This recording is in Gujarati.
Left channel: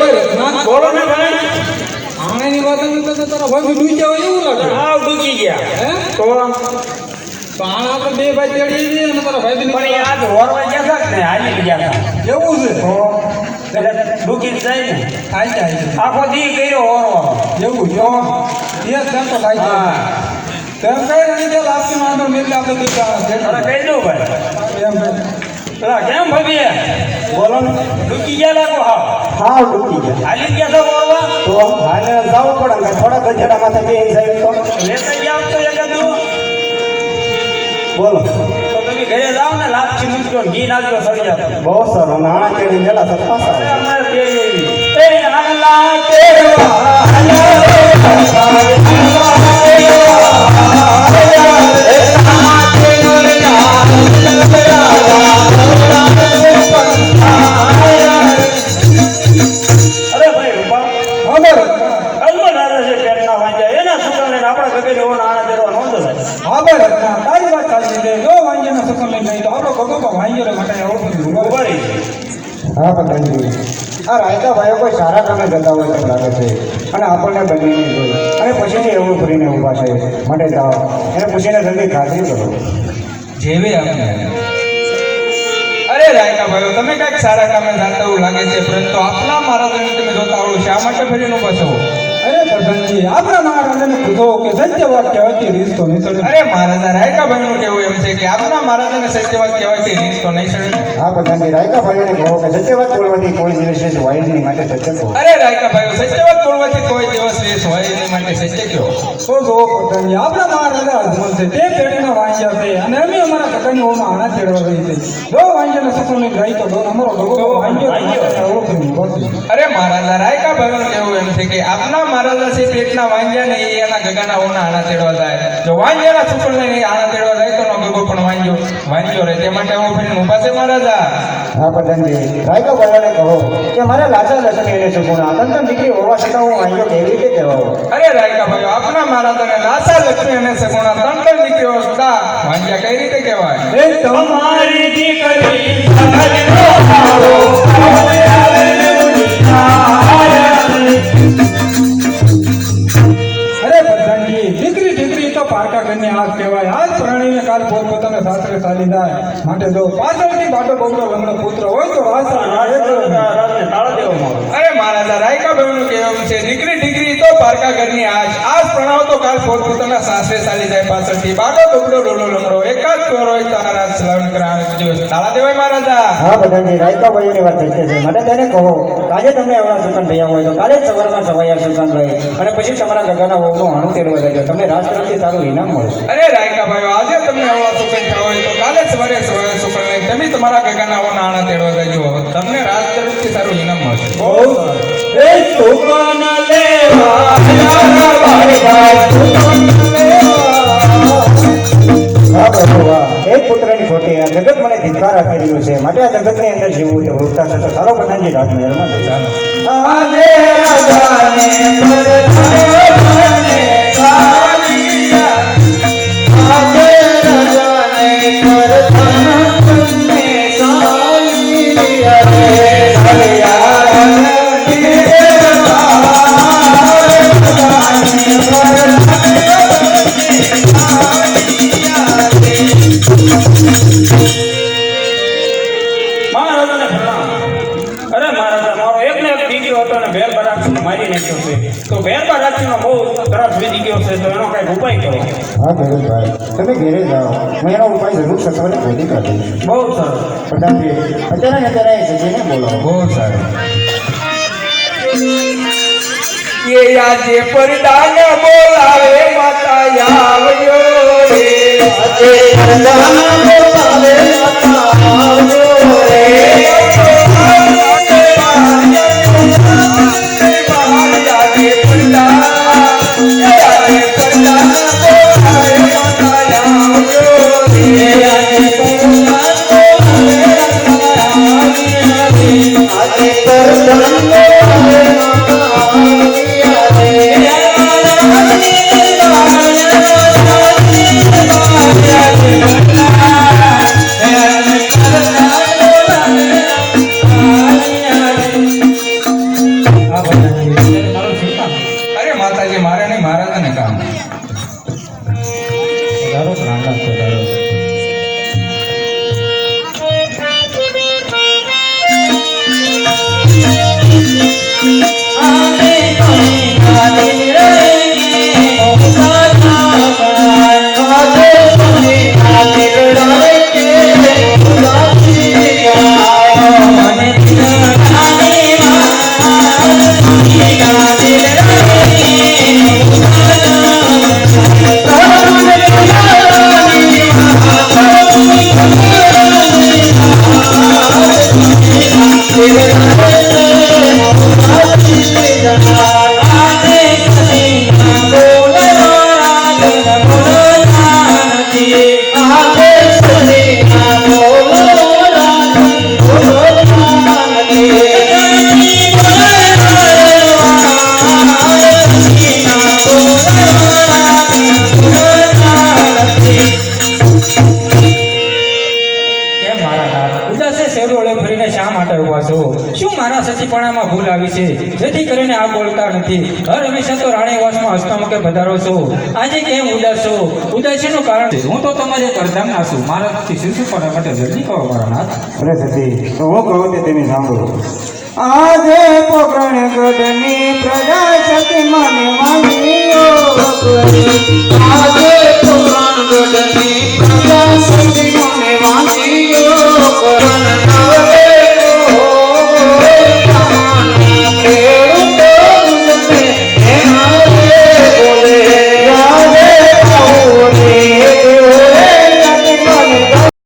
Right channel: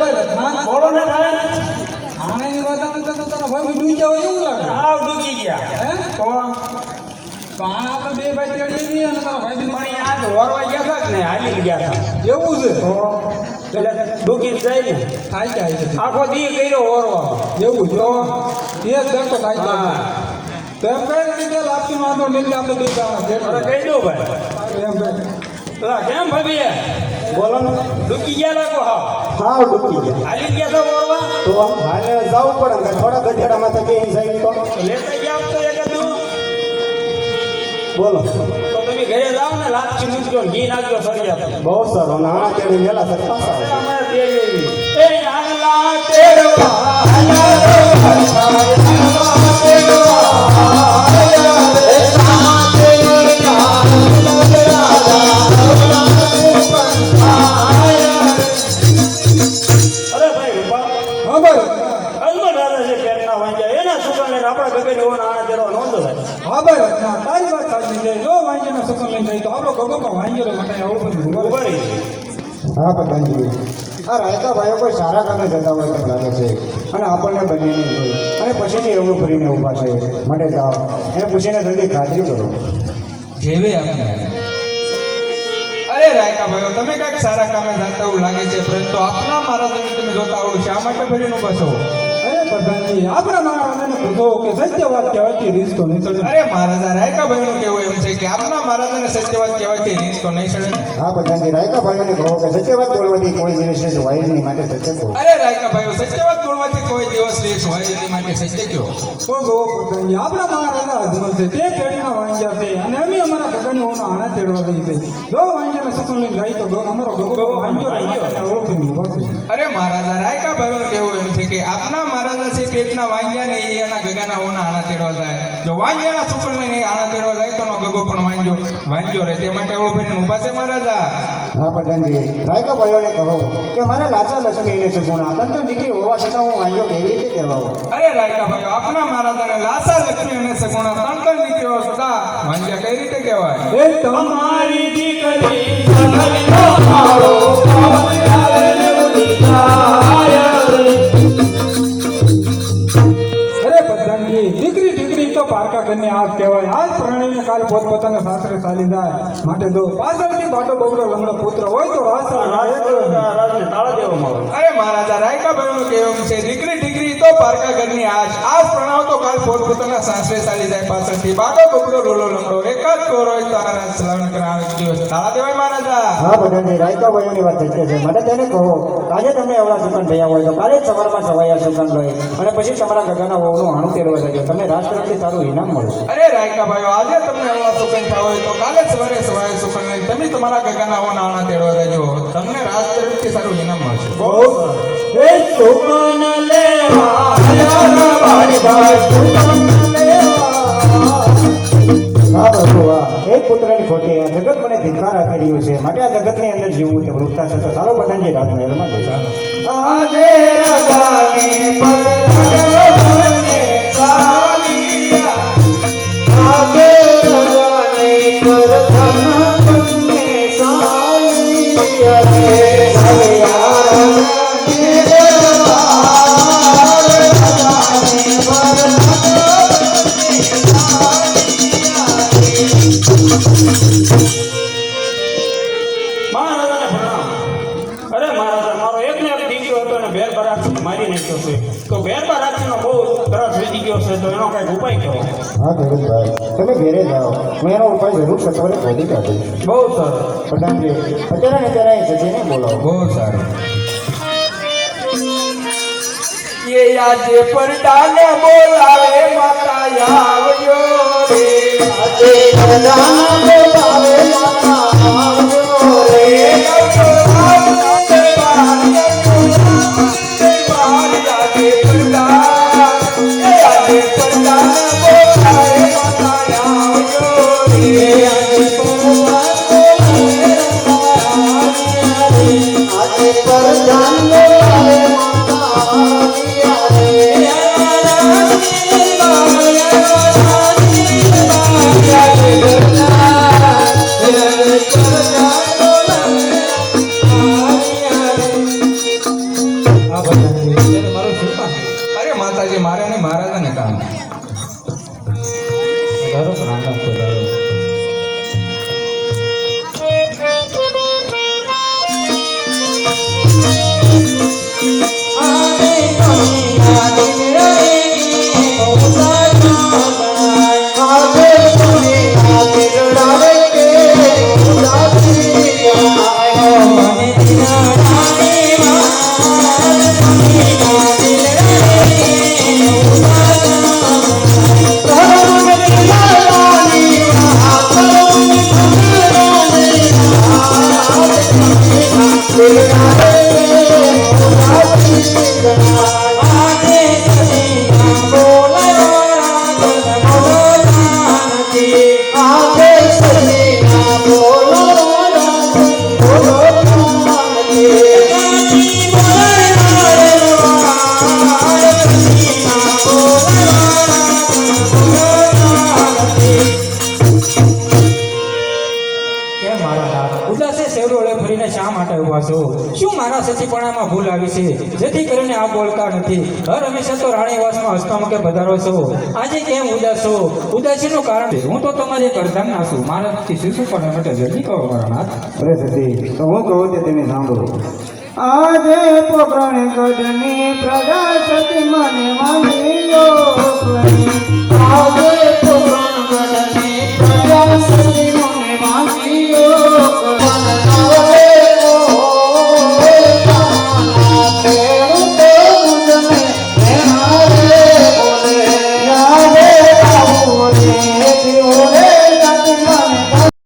ભાઈ ના બોલો ને ભાઈ આણીની વાતમાં તો તારા ભાઈ ડૂબી ગયા હોય એવું લાગે હા ડૂકી ગયા હે તો તો આપણે બે ભાઈ તેડી જઈએ અને તારા ભાઈ પણ એ આજ વરવાઈ ગયા હતા ને હાલી ગયા હતા એવું છે તો એટલે ડૂકી જાય ને થાય છે આખો દી કર્યો ઓરવા એવું જો એ જ તો થાય છે હા તેમ કઈ નહીં ચાલ આપી વાંધો મિલ આપણે બે જણા અરે કહી દઉં ભાઈ એમ ભાઈ પેલા કેમ ભાભી બોલો ડૂકી ગયા લાગો હા હાવ ડૂબી ગયા હાલી ગયા છો ઓરવા તો હાલે જવું પડે ને થોડા ગજેડા માથે બે સાહેબ તો લેતા ગયા આપ તો એકાદું બોલો તો તમે ઘરે જાઓ ને લાપસી મૂકજો ઘી નાખજો સરી જાવ બહુ સર અને આ તેડી મેલા સર પાછા અમે બે એવી એ આલા તેડવા અરે ભાઈ રૂપા ખબર અલમા દાદા છે પેટના વાંજા એના સુકાને આપણા ગગન હોવાના આના દેવા નોંધો થાય ખબર ના તારી વાત સાચી છે જો વાંજ્યના સુકમ લઈને ગઈ તો આપણો ગગો વાંજ્યો માટે ઓળખું ઉભા રહી હા પ્રધાનજી આ રાયતા ભાઈઓ કોઈ સારા કામે જતા હોય તેમ લાગે છે અને આપણને બંનેને જોઈ અને પછીથી એવું કરીને ઊભા છે માટે જાઓ એને પૂછીને જલ્દી ખાતરી કરો જેવે આપણે અરે રાયકા ભાઈઓ તમે કઈક સારા કામે જાતા એવું લાગે છે પરંતુ આપના મહારાજને તમે જોતા આવડો શા માટે ફરીને બસો અરે પ્રધાનજી આપણા મહારાજાને પૂછો કે સત્ય વાત કહેવાથી રીત તો નહીં ચડે અરે મહારાજા રાયકા ભાઈનું કેવું એમ છે કે આપના મહારાજાને સત્ય વાત કહેવાથી રીત તો નહીં ચડે હા પ્રધાનજી રાયકા ભાઈઓને કહો કે સત્ય વાત બોલવાથી કોઈ દિવસ હોય જ નહીં માટે સત્ય કહો અરે રાયકા ભાઈઓ સત્ય વાત બોલવાથી કોઈ દિવસ રેસ હોય એની માટે સત્ય કયો તો જો પ્રધાનજી આપણા મહારાજા અજમલ છે તે પેઢીના વાંજ્યા છે અને અમે અમારા ગગન હોવાનો આણા તેડવા ગઈ છે જો વાંજ્યાને સુકમની ગાય તો અમારો ગગો વાંજ્યો અરે મહારાજા રાયકા ભાઈઓને કેવું એમ છે કે આપના મહારાજા છે પેટના વાંજ્યા ને એ એના ગગાના હોના આણા તેડવા જાય જો વાંજ્યાના સુકમને આણા તેડવા જાય તો નો ગગો પણ વાંજ્યો રહે તે માટે ઓળો ફરીને ઊભા છે મહારાજા હા પ્રધાનજી રાયકા ભાઈઓને કહો કે મારા લાચા લક્ષ્મી એને સુગુણા તંત્ર દીકરી હોવા છતાં હું વાંજ્યો કેવી રીતે કહેવાઓ અરે રાયકા ભાઈઓ આપના મહારાજાને લાસા લક્ષ્મી અને સગુણા ત્રણ દીકરીઓ સુધા વાંજ્યા કઈ રીતે કહેવાય એ તમારી દીકરી સમજનો આવો અરે પ્રધાનજી દીકરી તો પારકા ઘરની આગ કહેવાય આજ પ્રાણીને કાલ પોતપોતાના સાસરે ચાલી જાય માટે જો પાછળથી બાટો બગડો લંગડો પુત્ર હોય તો રાજને તાળા દેવામાં આવે અરે મહારાજા રાયકા ભાઈનું કહેવું છે દીકરી તો પારકા ઘરની આજ પ્રણાવ તો કાલ પોતપોતાના સાસરે ચાલી જાય પાછળથી બાટો બગડો ડોલો લંગડો એકાદ ચોર હોય તો આ રાજ સલાવન કરાવે દિવસ તાળા દેવાય મહારાજા હા પ્રધાનજી રાયકા ભાઈઓની વાત સત્ય છે માટે તેને કહો આજે તમને એવડા સુકાન થયા હોય તો કાલે જ સવારમાં સવાયા સુકાન લઈ અને પછી તમારા ગગાના વહુનું હાણું તેડવા લેજો તમને રાજ તરફથી સારું ઇનામ મળશે અરે રાયકા ભાઈઓ આજે તમને આવા સુકન થયા હોય તો કાલે સવારે સુકન લઈ તમે તમારા ગગાના હોના આણા તેડવા લેજો તમને રાજ તરફથી સારું ઇનામ મળશે બહુ એ સુકન લેવા ભાઈ સુકન લેવા હા પ્રભુ હા એક પુત્રની ખોટી આ જગત મને ધિક્કાર આપી રહ્યું છે માટે આ જગતની અંદર જીવવું તે વૃત્તા છે તો ચાલો પ્રધાનજી રાજમહેલમાં લઈ જાઓ આને રાજાને પરધાને કાલિયા આગે રાજાને પરધાને કાલિયા રે હરિયા તો ભેરબા રાખીનો બહુ તરસ વીતી ગયો છે તો એનો કઈક ઉપાય કરો હા ગેરેશભાઈ તમે ઘેરે જાઓ હું એનો ઉપાય જરૂર સત્વરે શોધી કાઢીશ બહુ સરસ પ્રધાનજી અત્યારે જજીને બોલાવો બહુ સારું કે આજે પરદાન બોલાવે માતા આવજો રે આજે પરદાન બોલાવે માતા આવજો રે લાગે મારે નહીં મહારાજાને કામ. ધારો રાણા તો ધારો શું મારા સચીપણામાં ભૂલ આવી છે જેથી કરીને આ બોલતા નથી? હર હંમેશા તો રાણીવાસમાં હસ્તમુખે પધારો છો, આજે કેમ ઉદાસ છો? ઉદાસીનું કારણ હું તો તમારી કરધામના છું. મારાથી શિશુપણા માટે જલ્દી કહો મારા નાથ. અરે સતી હું કહું તે તમે સાંભળો આજે પોકરણ ગઢની